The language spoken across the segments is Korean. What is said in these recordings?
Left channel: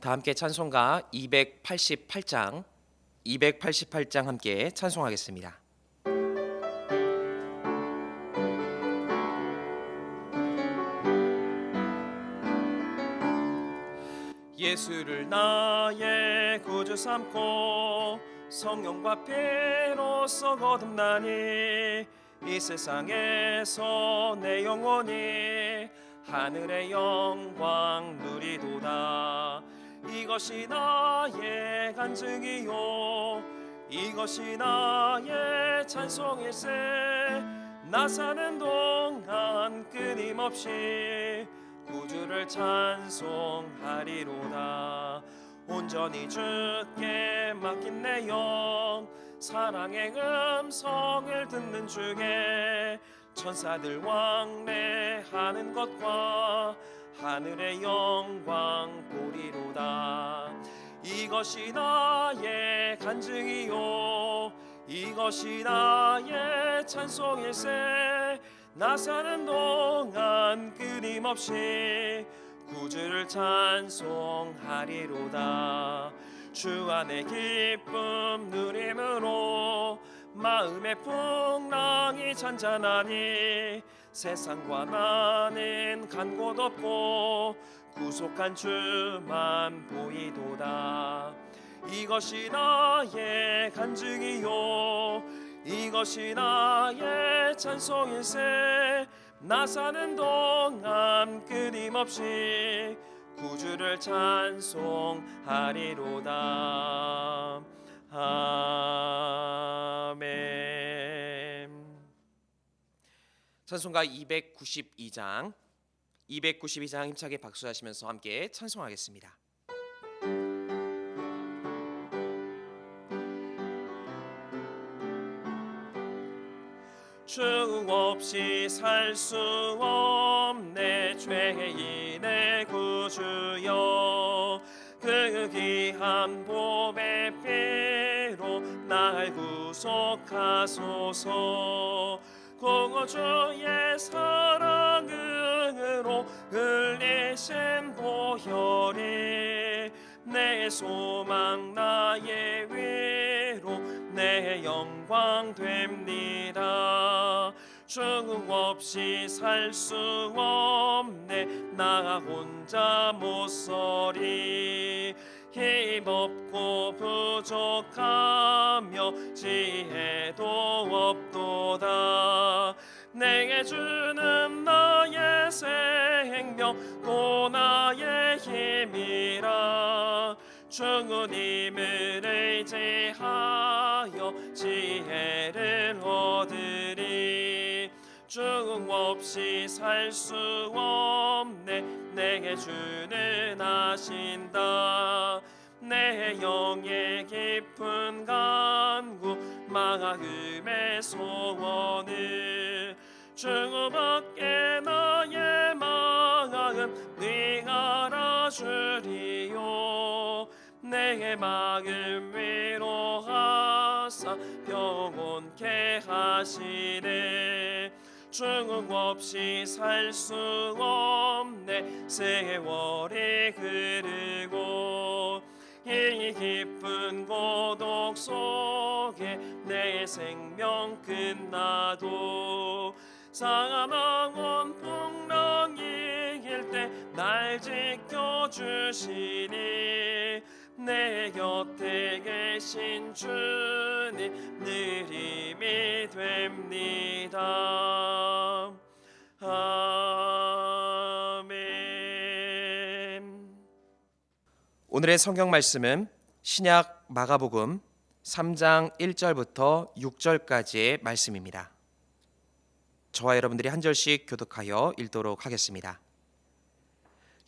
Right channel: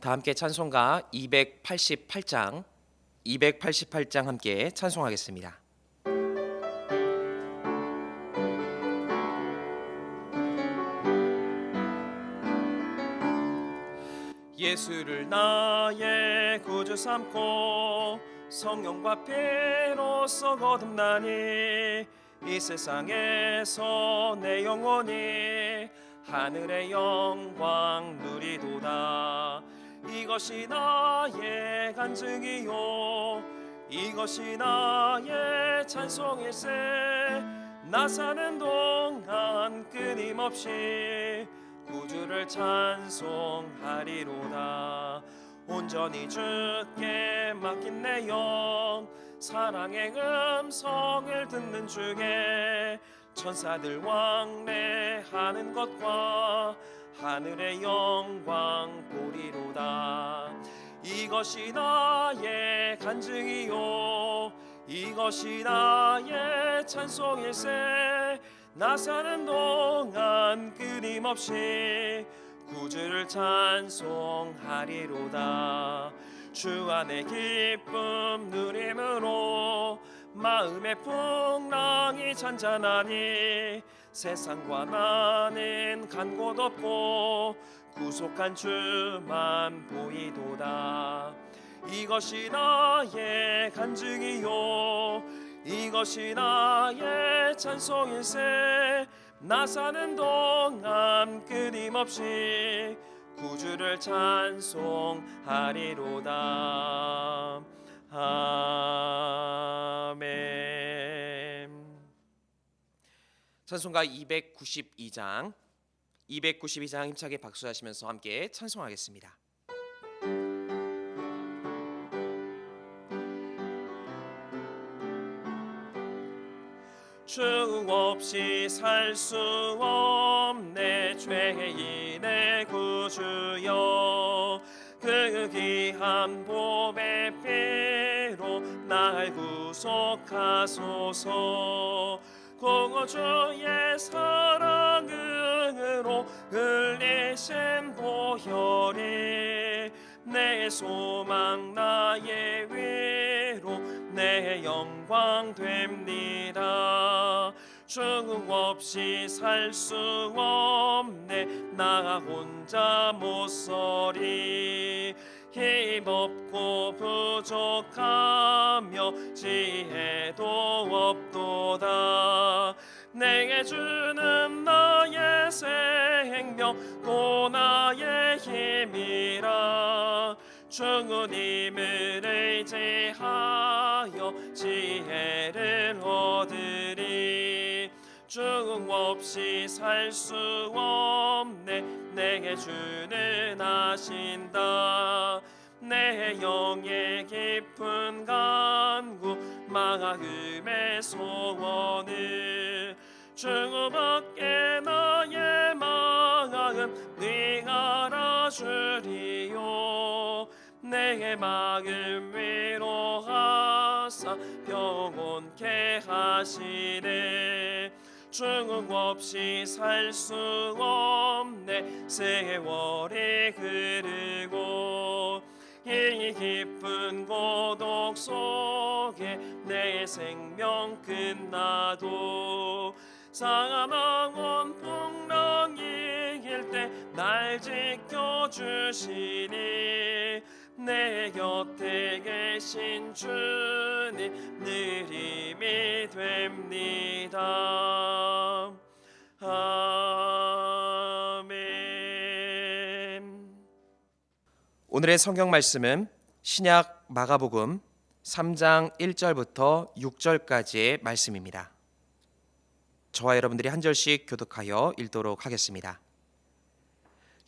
다 함께 찬송가 288장 함께 찬송하겠습니다. 예수를 나의 구주 삼고 성령과 피로써 거듭나니 이 세상에서 내 영혼이 하늘의 영광 누리도다. 이것이 나의 간증이요 이것이 나의 찬송일세. 나 사는 동안 끊임없이 구주를 찬송하리로다. 온전히 주께 맡긴 내 영 사랑의 음성을 듣는 중에 천사들 왕래하는 것과 하늘의 영광 보리로다. 이것이 나의 간증이요 이것이 나의 찬송일세. 나 사는 동안 끊임없이 구주를 찬송하리로다. 주 안에 기쁨 누림으로 마음의 풍랑이 잔잔하니 세상과 나는 간 곳 없고 구속한 주만 보이도다. 이것이 나의 간증이요 이것이 나의 찬송일세. 나 사는 동안 끊임없이 구주를 찬송하리로다. 아멘. 찬송가 292장 힘차게 박수하시면서 함께 찬송하겠습니다. 주 없이 살 수 없네 죄인의 구주여. 그 귀한 보배 피로 날 구속하소서. 구주의 사랑으로 흘리신 보혈이 내 소망 나의 위로 내 영광 됩니다. 주 없이 살 수 없네 나 혼자 못서리. 힘없고 부족하며 지혜도 없도다. 내게 주는 나의 생명 또 나의 힘이라. 주님을 의지하여 지혜를 얻으리. 주 없이 살 수 없네 내게 주는 아신다. 내 영의 깊은 간구 마음의 소원을 주밖에 나의 마음 네가 알아주리요. 내 마음 위로하사 평온케 하시네. 주 없이 살 수 없네 세월이 흐르고 이 깊은 고독 속에 내 생명 끝나도 사망원 풍랑일 때 날 지켜주시니 내 곁에 계신 주님 늘 힘이 됩니다. 아멘. 오늘의 성경 말씀은 신약 마가복음 3장 1절부터 6절까지의 말씀입니다. 저와 여러분들이 한 절씩 교독하여 읽도록 하겠습니다.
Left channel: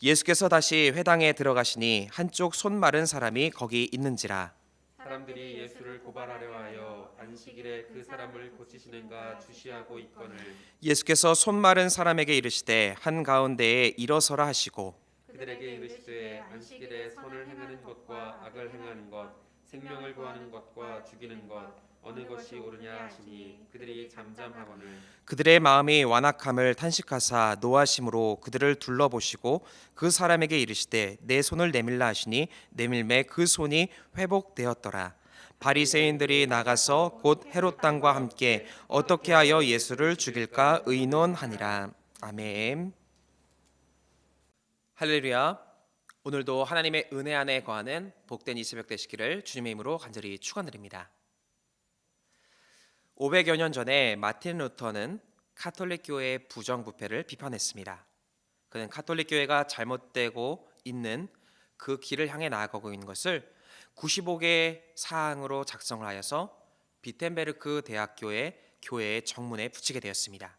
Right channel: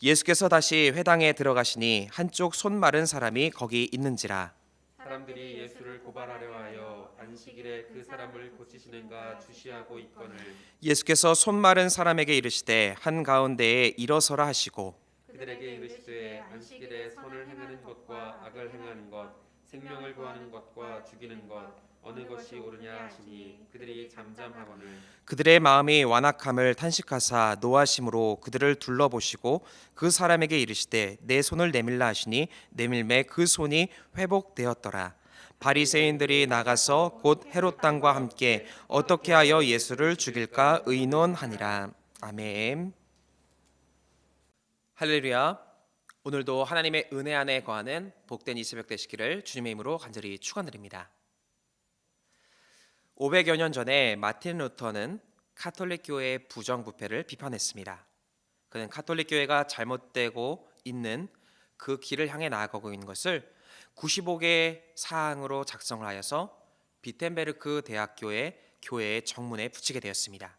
예수께서 다시 회당에 들어가시니 한쪽 손 마른 사람이 거기 있는지라. 사람들이 예수를 고발하려 하여 안식일에 그 사람을 고치시는가 주시하고 있거늘 예수께서 손 마른 사람에게 이르시되 한가운데에 일어서라 하시고 그들에게 이르시되 안식일에 선을 행하는 것과 악을 행하는 것 생명을 구하는 것과 죽이는 것 어느 것이 옳으냐 하시니 그들이 잠잠하거늘 그들의 마음이 완악함을 탄식하사 노하심으로 그들을 둘러보시고 그 사람에게 이르시되 내 손을 내밀라 하시니 내밀매 그 손이 회복되었더라. 바리새인들이 나가서 곧 헤롯 당과 함께 어떻게 하여 예수를 죽일까 의논하니라. 아멘. 할렐루야. 오늘도 하나님의 은혜 안에 거하는 복된 이 새벽 되시기를 주님의 이름으로 간절히 축원드립니다. 500여 년 전에 마틴 루터는 카톨릭 교회의 부정부패를 비판했습니다. 그는 카톨릭 교회가 잘못되고 있는 그 길을 향해 나아가고 있는 것을 95개의 사항으로 작성을 하여서 비텐베르크 대학교의 교회의 정문에 붙이게 되었습니다.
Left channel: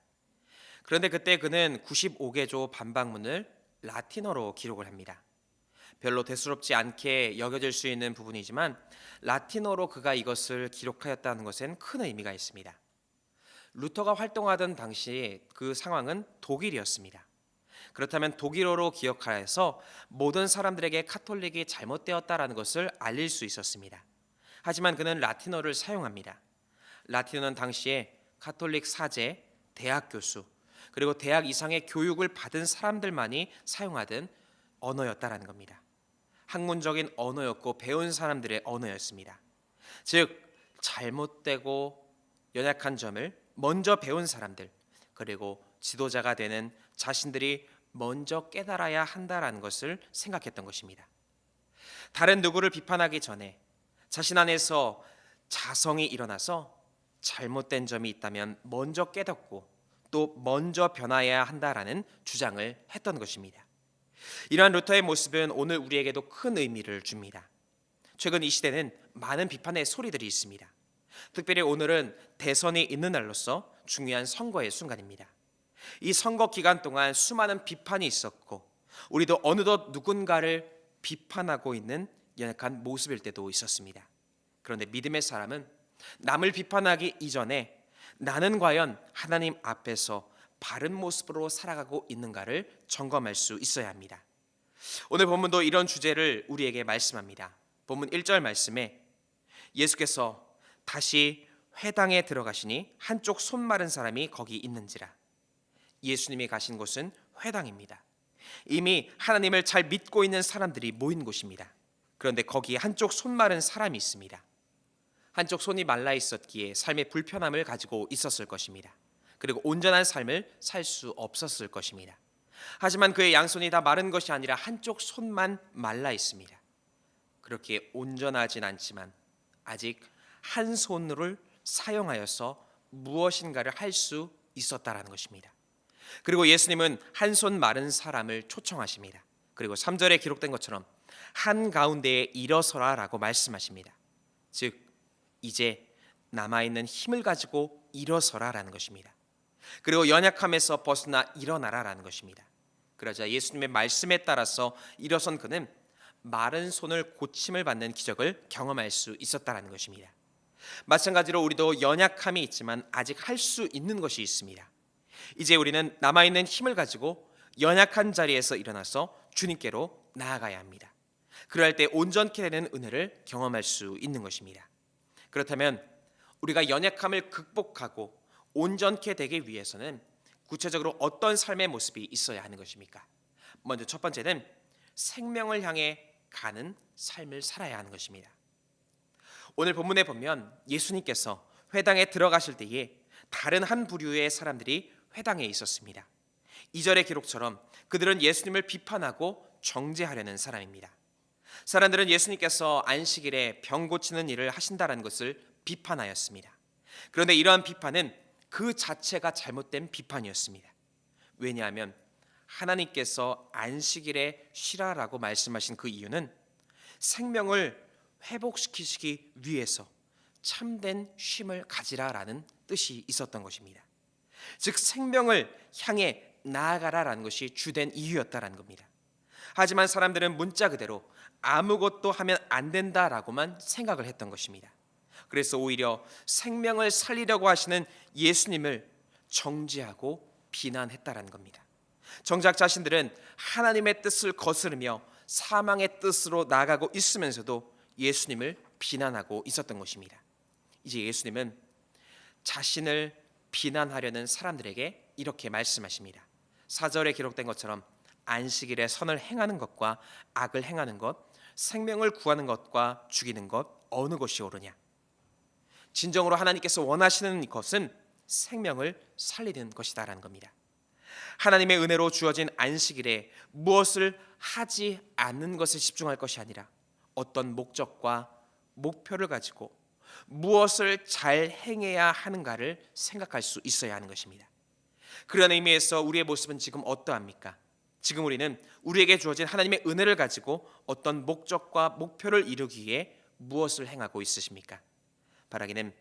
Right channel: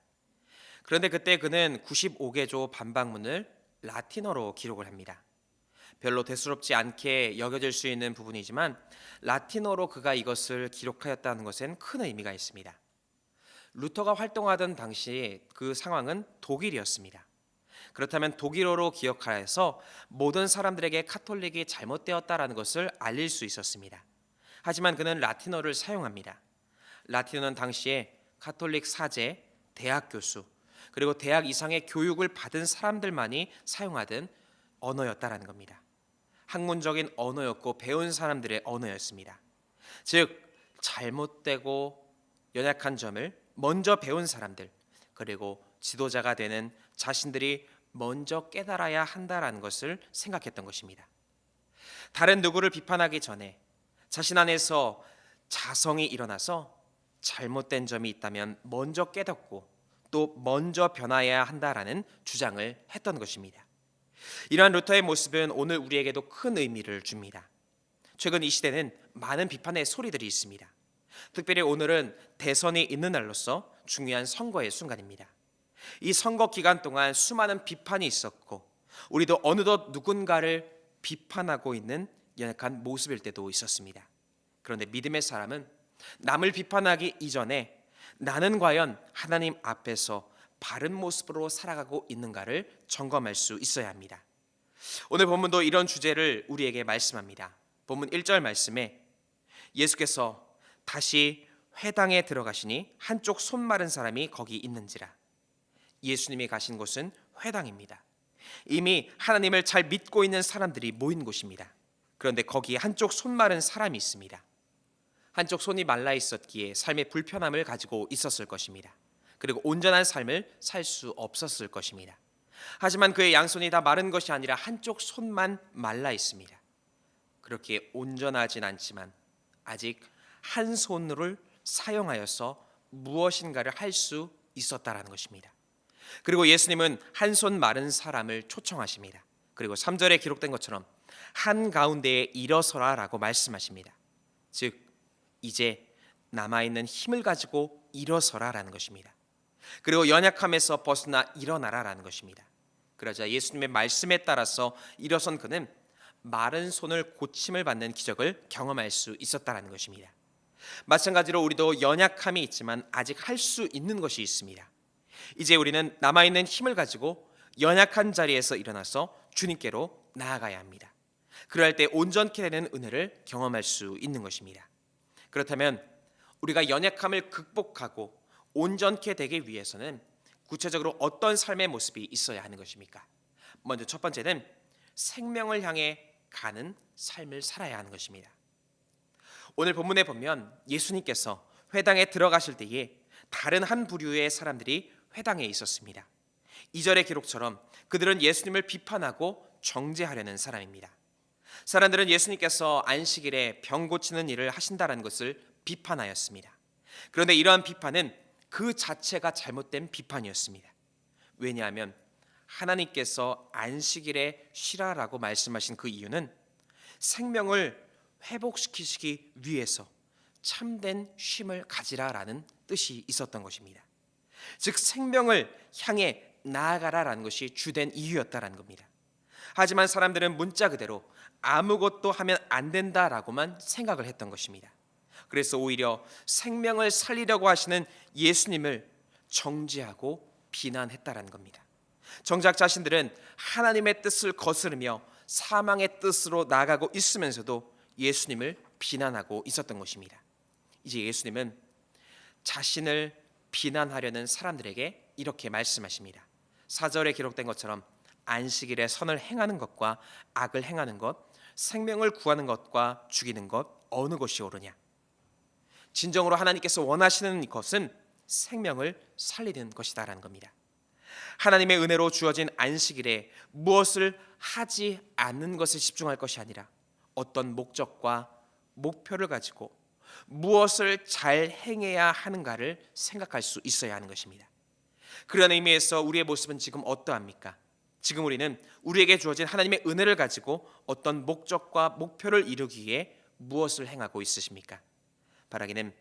그런데 그때 그는 95개조 반박문을 라틴어로 기록을 합니다. 별로 대수롭지 않게 여겨질 수 있는 부분이지만 라틴어로 그가 이것을 기록하였다는 것엔 큰 의미가 있습니다. 루터가 활동하던 당시 그 상황은 독일이었습니다. 그렇다면 독일어로 기억하여서 모든 사람들에게 카톨릭이 잘못되었다라는 것을 알릴 수 있었습니다. 하지만 그는 라틴어를 사용합니다. 라틴어는 당시에 카톨릭 사제, 대학 교수, 그리고 대학 이상의 교육을 받은 사람들만이 사용하던 언어였다라는 겁니다. 학문적인 언어였고 배운 사람들의 언어였습니다. 즉 잘못되고 연약한 점을 먼저 배운 사람들, 그리고 지도자가 되는 자신들이 먼저 깨달아야 한다라는 것을 생각했던 것입니다. 다른 누구를 비판하기 전에 자신 안에서 자성이 일어나서 잘못된 점이 있다면 먼저 깨닫고 또 먼저 변화해야 한다라는 주장을 했던 것입니다. 이러한 루터의 모습은 오늘 우리에게도 큰 의미를 줍니다. 최근 이 시대는 많은 비판의 소리들이 있습니다. 특별히 오늘은 대선이 있는 날로서 중요한 선거의 순간입니다. 이 선거 기간 동안 수많은 비판이 있었고 우리도 어느덧 누군가를 비판하고 있는 연약한 모습일 때도 있었습니다. 그런데 믿음의 사람은 남을 비판하기 이전에 나는 과연 하나님 앞에서 바른 모습으로 살아가고 있는가를 점검할 수 있어야 합니다. 오늘 본문도 이런 주제를 우리에게 말씀합니다. 본문 1절 말씀에 예수께서 다시 회당에 들어가시니 한쪽 손 마른 사람이 거기 있는지라. 예수님이 가신 곳은 회당입니다. 이미 하나님을 잘 믿고 있는 사람들이 모인 곳입니다. 그런데 거기에 한쪽 손 마른 사람이 있습니다. 한쪽 손이 말라 있었기에 삶의 불편함을 가지고 있었을 것입니다. 그리고 온전한 삶을 살 수 없었을 것입니다. 하지만 그의 양손이 다 마른 것이 아니라 한쪽 손만 말라 있습니다. 그렇게 온전하진 않지만 아직 한 손을 사용하여서 무엇인가를 할 수 있었다라는 것입니다. 그리고 예수님은 한 손 마른 사람을 초청하십니다. 그리고 3절에 기록된 것처럼 한가운데에 일어서라라고 말씀하십니다. 즉 이제 남아있는 힘을 가지고 일어서라라는 것입니다. 그리고 연약함에서 벗어나 일어나라라는 것입니다. 그러자 예수님의 말씀에 따라서 일어선 그는 마른 손을 고침을 받는 기적을 경험할 수 있었다라는 것입니다. 마찬가지로 우리도 연약함이 있지만 아직 할 수 있는 것이 있습니다. 이제 우리는 남아있는 힘을 가지고 연약한 자리에서 일어나서 주님께로 나아가야 합니다. 그럴 때 온전케 되는 은혜를 경험할 수 있는 것입니다. 그렇다면 우리가 연약함을 극복하고 온전케 되기 위해서는 구체적으로 어떤 삶의 모습이 있어야 하는 것입니까? 먼저 첫 번째는 생명을 향해 가는 삶을 살아야 하는 것입니다. 오늘 본문에 보면 예수님께서 회당에 들어가실 때에 다른 한 부류의 사람들이 회당에 있었습니다. 2절의 기록처럼 그들은 예수님을 비판하고 정죄하려는 사람입니다. 사람들은 예수님께서 안식일에 병 고치는 일을 하신다는 것을 비판하였습니다. 그런데 이러한 비판은 그 자체가 잘못된 비판이었습니다. 왜냐하면 하나님께서 안식일에 쉬라라고 말씀하신 그 이유는 생명을 회복시키시기 위해서 참된 쉼을 가지라라는 뜻이 있었던 것입니다. 즉 생명을 향해 나아가라라는 것이 주된 이유였다라는 겁니다. 하지만 사람들은 문자 그대로 아무것도 하면 안 된다라고만 생각을 했던 것입니다. 그래서 오히려 생명을 살리려고 하시는 예수님을 정죄하고 비난했다라는 겁니다. 정작 자신들은 하나님의 뜻을 거스르며 사망의 뜻으로 나아가고 있으면서도 예수님을 비난하고 있었던 것입니다. 이제 예수님은 자신을 비난하려는 사람들에게 이렇게 말씀하십니다. 4절에 기록된 것처럼 안식일에 선을 행하는 것과 악을 행하는 것, 생명을 구하는 것과 죽이는 것 어느 것이 옳으냐? 진정으로 하나님께서 원하시는 것은 생명을 살리는 것이다라는 겁니다. 하나님의 은혜로 주어진 안식일에 무엇을 하지 않는 것에 집중할 것이 아니라 어떤 목적과 목표를 가지고 무엇을 잘 행해야 하는가를 생각할 수 있어야 하는 것입니다. 그런 의미에서 우리의 모습은 지금 어떠합니까? 지금 우리는 우리에게 주어진 하나님의 은혜를 가지고 어떤 목적과 목표를 이루기 위해 무엇을 행하고 있으십니까? 바라기는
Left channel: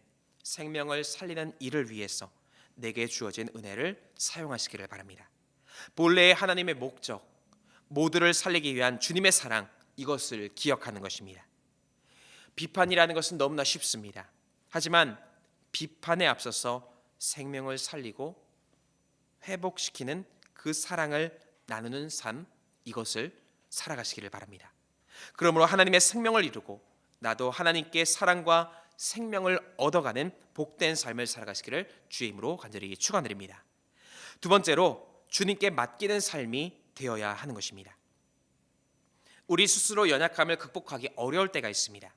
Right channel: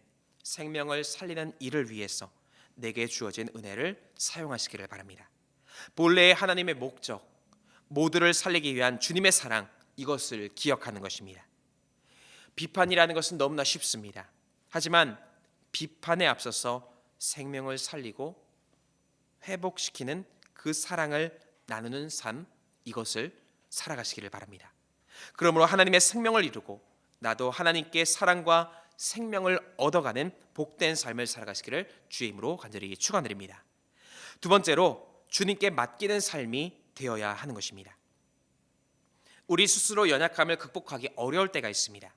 생명을 살리는 일을 위해서 내게 주어진 은혜를 사용하시기를 바랍니다. 본래의 하나님의 목적, 모두를 살리기 위한 주님의 사랑, 이것을 기억하는 것입니다. 비판이라는 것은 너무나 쉽습니다. 하지만 비판에 앞서서 생명을 살리고 회복시키는 그 사랑을 나누는 삶, 이것을 살아가시기를 바랍니다. 그러므로 하나님의 생명을 이루고 나도 하나님께 사랑과 생명을 얻어가는 복된 삶을 살아가시기를 주의 이름으로 간절히 축원드립니다. 두 번째로 주님께 맡기는 삶이 되어야 하는 것입니다. 우리 스스로 연약함을 극복하기 어려울 때가 있습니다.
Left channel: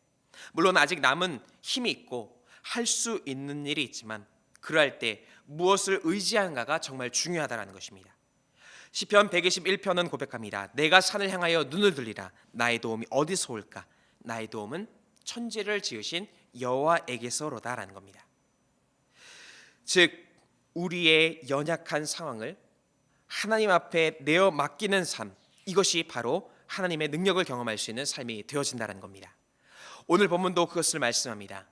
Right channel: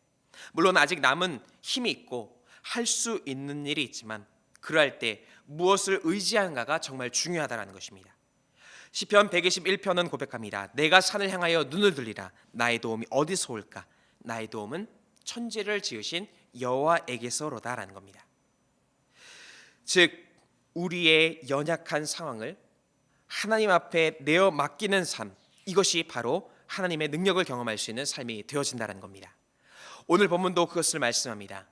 물론 아직 남은 힘이 있고 할 수 있는 일이 있지만 그럴 때 무엇을 의지하는가가 정말 중요하다는 것입니다. 시편 121편은 고백합니다. 내가 산을 향하여 눈을 들리라. 나의 도움이 어디서 올까? 나의 도움은 천지를 지으신 여호와에게서로다라는 겁니다. 즉 우리의 연약한 상황을 하나님 앞에 내어 맡기는 삶, 이것이 바로 하나님의 능력을 경험할 수 있는 삶이 되어진다는 겁니다. 오늘 본문도 그것을 말씀합니다.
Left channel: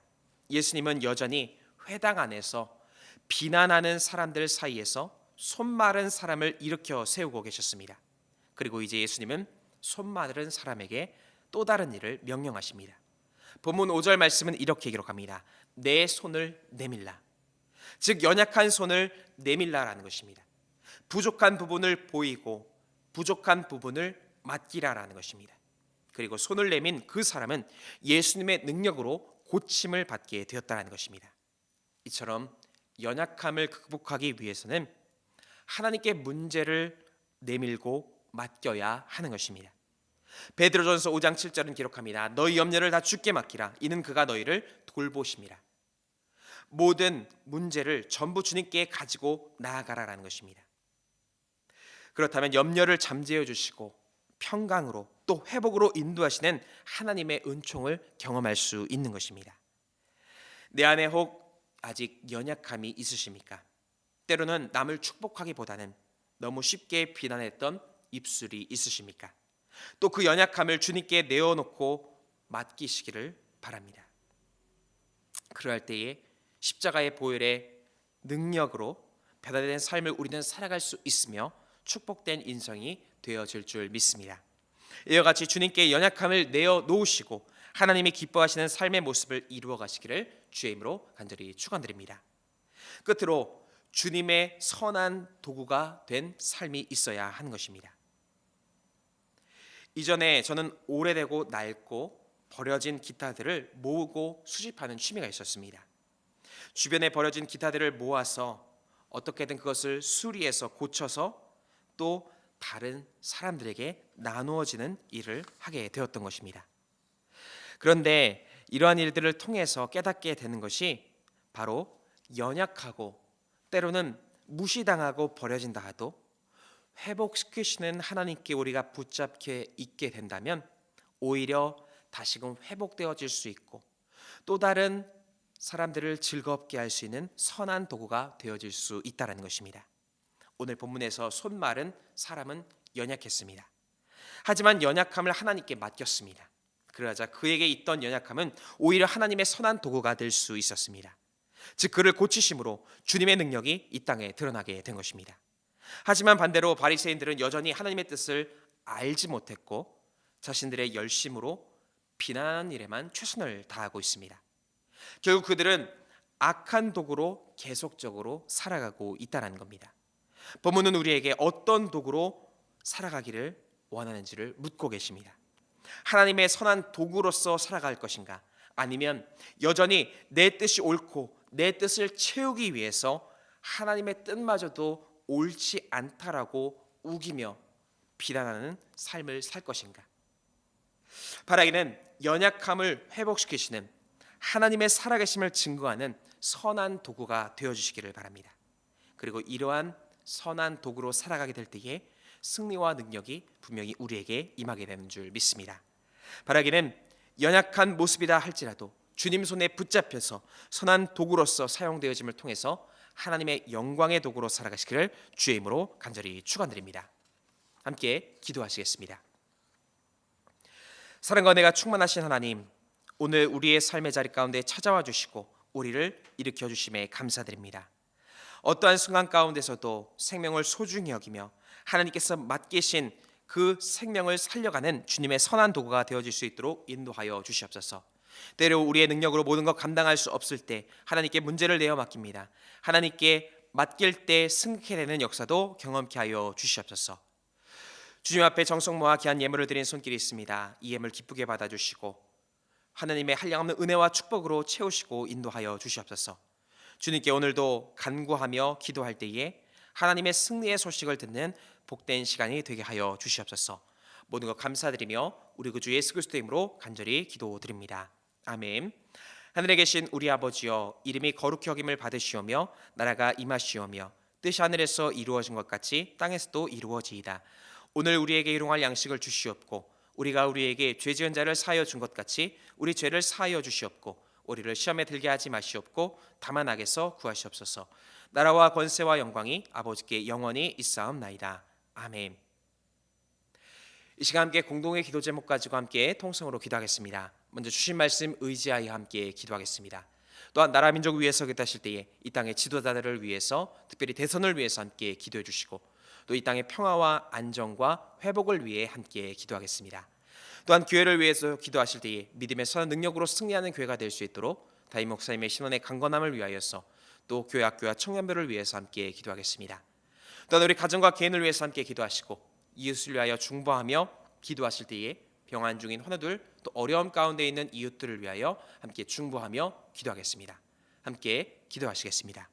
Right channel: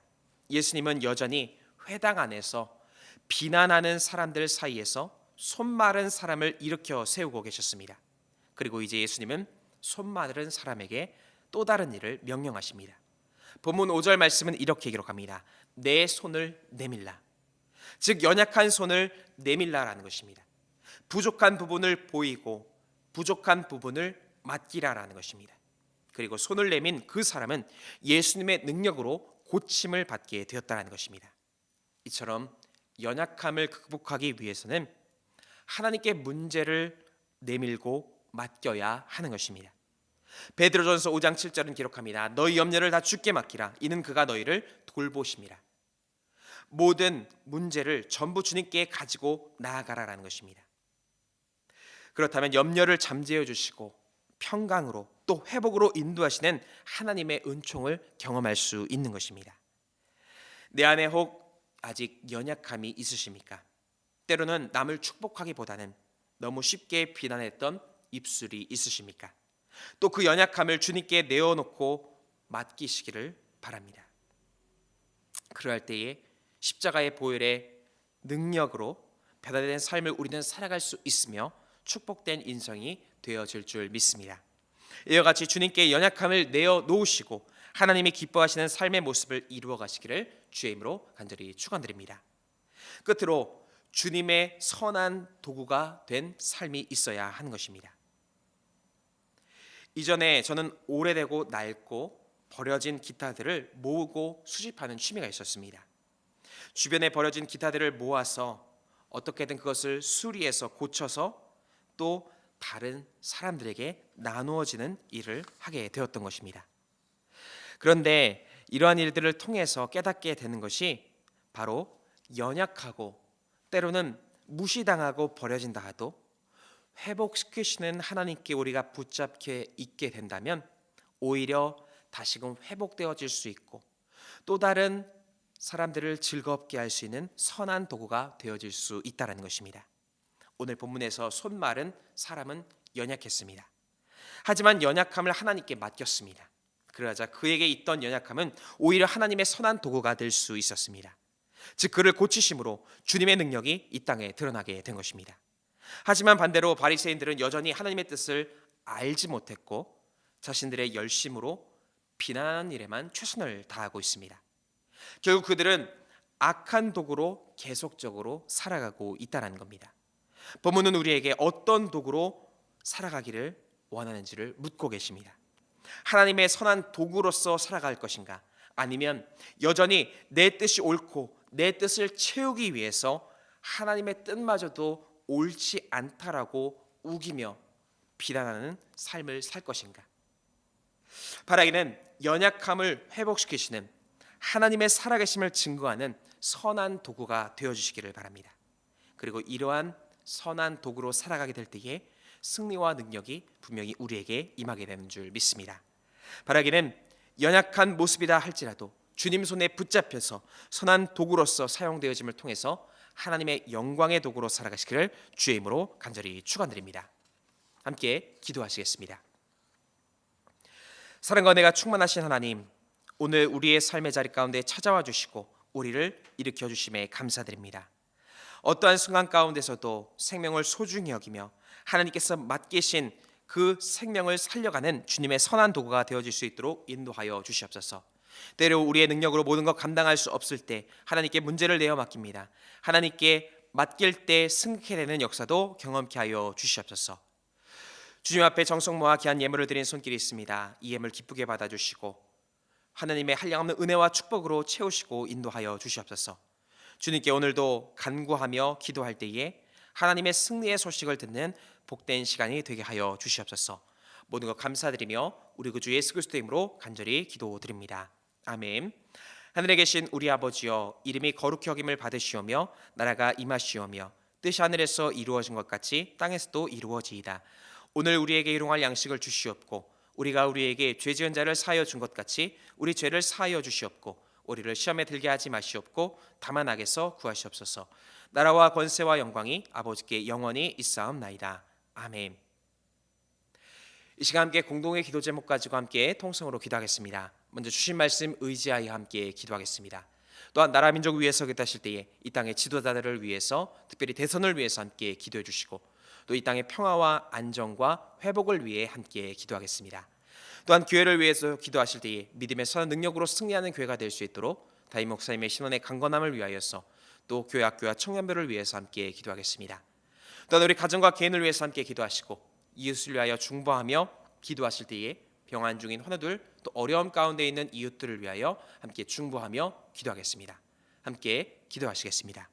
예수님은 여전히 회당 안에서 비난하는 사람들 사이에서 손 마른 사람을 일으켜 세우고 계셨습니다. 그리고 이제 예수님은 손 마른 사람에게 또 다른 일을 명령하십니다. 본문 5절 말씀은 이렇게 기록합니다. 내 손을 내밀라. 즉 연약한 손을 내밀라라는 것입니다. 부족한 부분을 보이고 부족한 부분을 맡기라라는 것입니다. 그리고 손을 내민 그 사람은 예수님의 능력으로 고침을 받게 되었다는 것입니다. 이처럼 연약함을 극복하기 위해서는 하나님께 문제를 내밀고 맡겨야 하는 것입니다. 베드로전서 5장 7절은 기록합니다. 너희 염려를 다 주께 맡기라. 이는 그가 너희를 돌보심이라. 모든 문제를 전부 주님께 가지고 나아가라라는 것입니다. 그렇다면 염려를 잠재워 주시고 평강으로 또 회복으로 인도하시는 하나님의 은총을 경험할 수 있는 것입니다. 내 안에 혹 아직 연약함이 있으십니까? 때로는 남을 축복하기보다는 너무 쉽게 비난했던 입술이 있으십니까? 또 그 연약함을 주님께 내어놓고 맡기시기를 바랍니다. 그럴 때에 십자가의 보혈의 능력으로 변화된 삶을 우리는 살아갈 수 있으며 축복된 인생이 되어질 줄 믿습니다. 이와 같이 주님께 연약함을 내어놓으시고 하나님이 기뻐하시는 삶의 모습을 이루어 가시기를 주의 이름으로 간절히 축원드립니다. 끝으로 주님의 선한 도구가 된 삶이 있어야 하는 것입니다. 이전에 저는 오래되고 낡고 버려진 기타들을 모으고 수집하는 취미가 있었습니다. 주변에 버려진 기타들을 모아서 어떻게든 그것을 수리해서 고쳐서 또 다른 사람들에게 나누어지는 일을 하게 되었던 것입니다. 그런데 이러한 일들을 통해서 깨닫게 되는 것이 바로 연약하고 때로는 무시당하고 버려진다 하도 회복시키시는 하나님께 우리가 붙잡혀 있게 된다면 오히려 다시금 회복되어질 수 있고 또 다른 사람들을 즐겁게 할 수 있는 선한 도구가 되어질 수 있다는 것입니다. 오늘 본문에서 손 마른 사람은 연약했습니다. 하지만 연약함을 하나님께 맡겼습니다. 그러자 그에게 있던 연약함은 오히려 하나님의 선한 도구가 될 수 있었습니다. 즉 그를 고치심으로 주님의 능력이 이 땅에 드러나게 된 것입니다. 하지만 반대로 바리새인들은 여전히 하나님의 뜻을 알지 못했고 자신들의 열심으로 비난하는 일에만 최선을 다하고 있습니다. 결국 그들은 악한 도구로 계속적으로 살아가고 있다는 겁니다. 본문은 우리에게 어떤 도구로 살아가기를 원하는지를 묻고 계십니다. 하나님의 선한 도구로서 살아갈 것인가? 아니면 여전히 내 뜻이 옳고 내 뜻을 채우기 위해서 하나님의 뜻마저도 옳지 않다라고 우기며 비난하는 삶을 살 것인가? 바라기는 연약함을 회복시키시는 하나님의 살아계심을 증거하는 선한 도구가 되어주시기를 바랍니다. 그리고 이러한 선한 도구로 살아가게 될 때에 승리와 능력이 분명히 우리에게 임하게 되는 줄 믿습니다. 바라기는 연약한 모습이다 할지라도 주님 손에 붙잡혀서 선한 도구로서 사용되어짐을 통해서 하나님의 영광의 도구로 살아가시기를 주의 이름으로 간절히 축원드립니다. 함께 기도하시겠습니다. 사랑과 은혜가 충만하신 하나님, 오늘 우리의 삶의 자리 가운데 찾아와 주시고 우리를 일으켜 주심에 감사드립니다. 어떠한 순간 가운데서도 생명을 소중히 여기며 하나님께서 맡기신 그 생명을 살려가는 주님의 선한 도구가 되어질 수 있도록 인도하여 주시옵소서. 때로 우리의 능력으로 모든 것 감당할 수 없을 때 하나님께 문제를 내어 맡깁니다. 하나님께 맡길 때 승리케 되는 역사도 경험케 하여 주시옵소서. 주님 앞에 정성 모아 귀한 예물을 드린 손길이 있습니다. 이 예물 기쁘게 받아주시고 하나님의 한량없는 은혜와 축복으로 채우시고 인도하여 주시옵소서. 주님께 오늘도 간구하며 기도할 때에 하나님의 승리의 소식을 듣는 복된 시간이 되게 하여 주시옵소서. 모든 것 감사드리며 우리 구주 예수 그리스도의 이름으로 간절히 기도드립니다. 아멘. 하늘에 계신 우리 아버지여, 이름이 거룩히 여김을 받으시오며 나라가 임하시오며 뜻이 하늘에서 이루어진 것 같이 땅에서도 이루어지이다. 오늘 우리에게 일용할 양식을 주시옵고 우리가 우리에게 죄 지은 자를 사하여 준 것 같이 우리 죄를 사하여 주시옵고 우리를 시험에 들게 하지 마시옵고 다만 악에서 구하시옵소서. 나라와 권세와 영광이 아버지께 영원히 있사옵나이다. 아멘. 이 시간 함께 공동의 기도 제목 가지고 함께 통성으로 기도하겠습니다. 먼저 주신 말씀 의지하여 함께 기도하겠습니다. 또한 나라 민족 위해서 기도하실 때에 이 땅의 지도자들을 위해서, 특별히 대선을 위해서 함께 기도해 주시고 또 이 땅의 평화와 안정과 회복을 위해 함께 기도하겠습니다. 또한 교회를 위해서 기도하실 때에 믿음의 선한 능력으로 승리하는 교회가 될 수 있도록 다임 목사님의 신원의 강건함을 위하여서 또 교회 학교와 청년들을 위해서 함께 기도하겠습니다. 또한 우리 가정과 개인을 위해서 함께 기도하시고 이웃을 위하여 중보하며 기도하실 때에 병환 중인 환우들 또 어려움 가운데 있는 이웃들을 위하여 함께 중보하며 기도하겠습니다. 함께 기도하시겠습니다.